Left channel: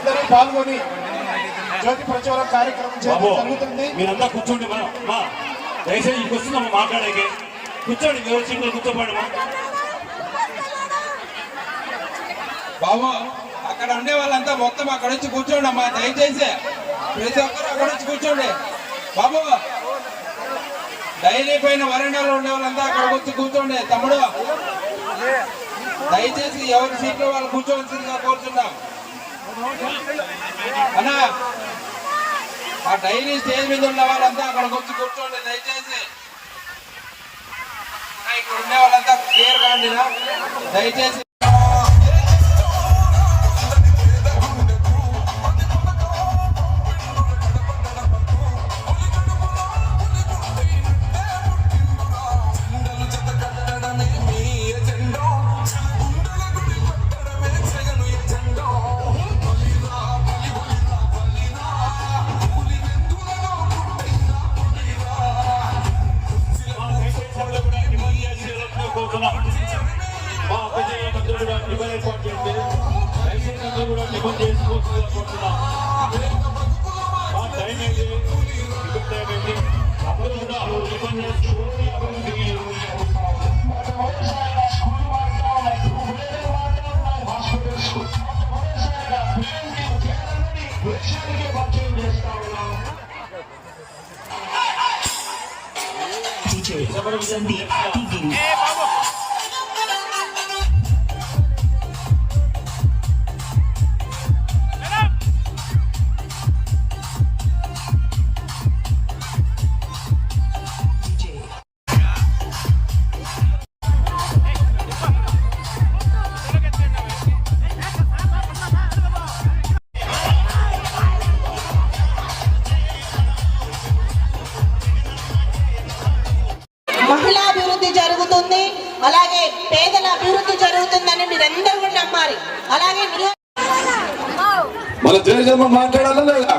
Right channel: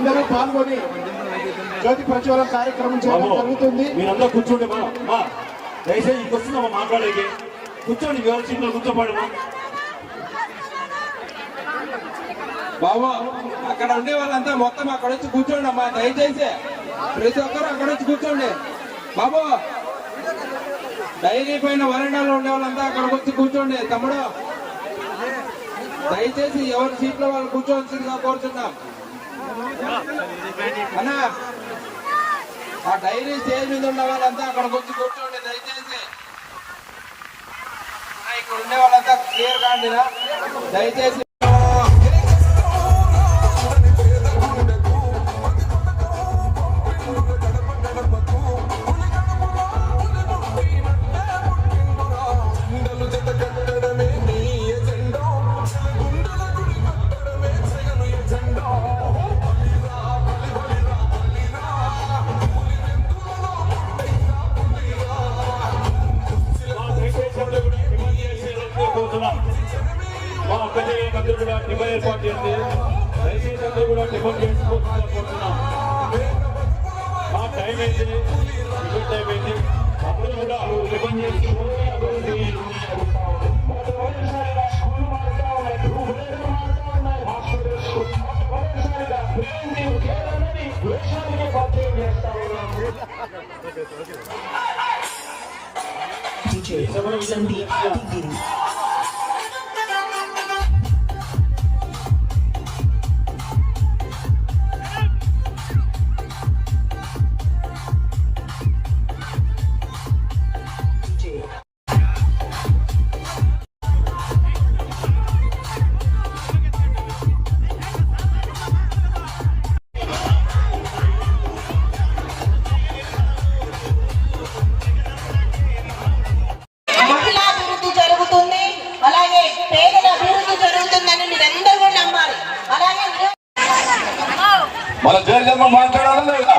అందరూ పాల్గొని జ్యోతి ప్రజ్వలన కార్యక్రమం జరుగుతుంది. మీరందరూ కూర్చోండి మా దయచేసి ఇంకొస్తుందమ్మా మాట్లాడేకి. కూర్చోండి, ఎవరి సీట్లో కూర్చోపోండమ్మా. బాబు అక్కడ ఉండే వాళ్ళంతా మొత్తం అక్కడ వచ్చి కూర్చోండి అమ్మా, దయచేసి ప్రతి ఒక్కరు అక్కడ వచ్చి కూర్చోండి. బాబు డైరీ పైన వరండాలో ఉండే వాళ్ళంతా అక్కడికి వచ్చి కూర్చోండి. తమ్ముడు దయచేసి ఎవరి సీట్లో వాళ్ళు కూర్చోవలసిందిగా కోరుతున్నాం అన్నా. ఆ డైరీ స్టేజ్ మీద ఉన్న వాళ్ళంతా అక్కడికి వచ్చి కూర్చోండి దయచేసి. ఇక్కడ ఉండే వాళ్ళంతా క్లియర్ కాండి దయచేసి. మన జయజమ్మ మాట్లాడాలి లేదా?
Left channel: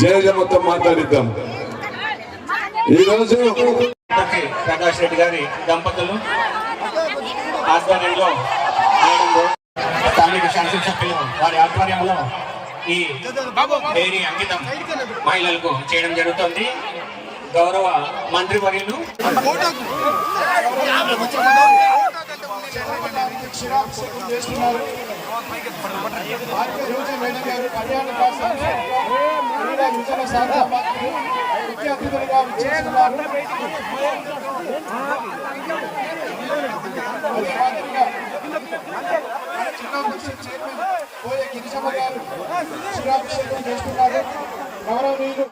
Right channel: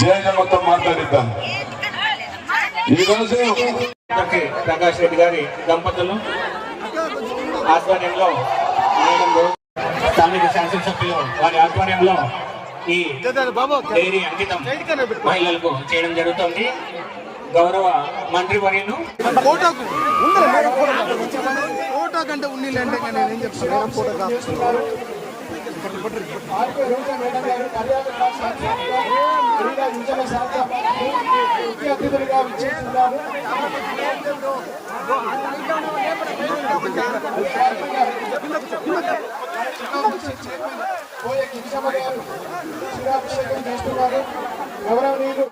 జయజమ్మతో మాట్లాడిద్దాం. ఈరోజు ప్రకాష్ రెడ్డి గారి దంపతులు ఆధ్వర్యంలో స్థానిక శాసనసభ్యులు వారి ఆధ్వర్యంలో ఈ డైరీ అంకితం మహిళలకు చేయడం జరుగుతుంది. గౌరవ మంత్రి వర్యులు గౌరవనీయులు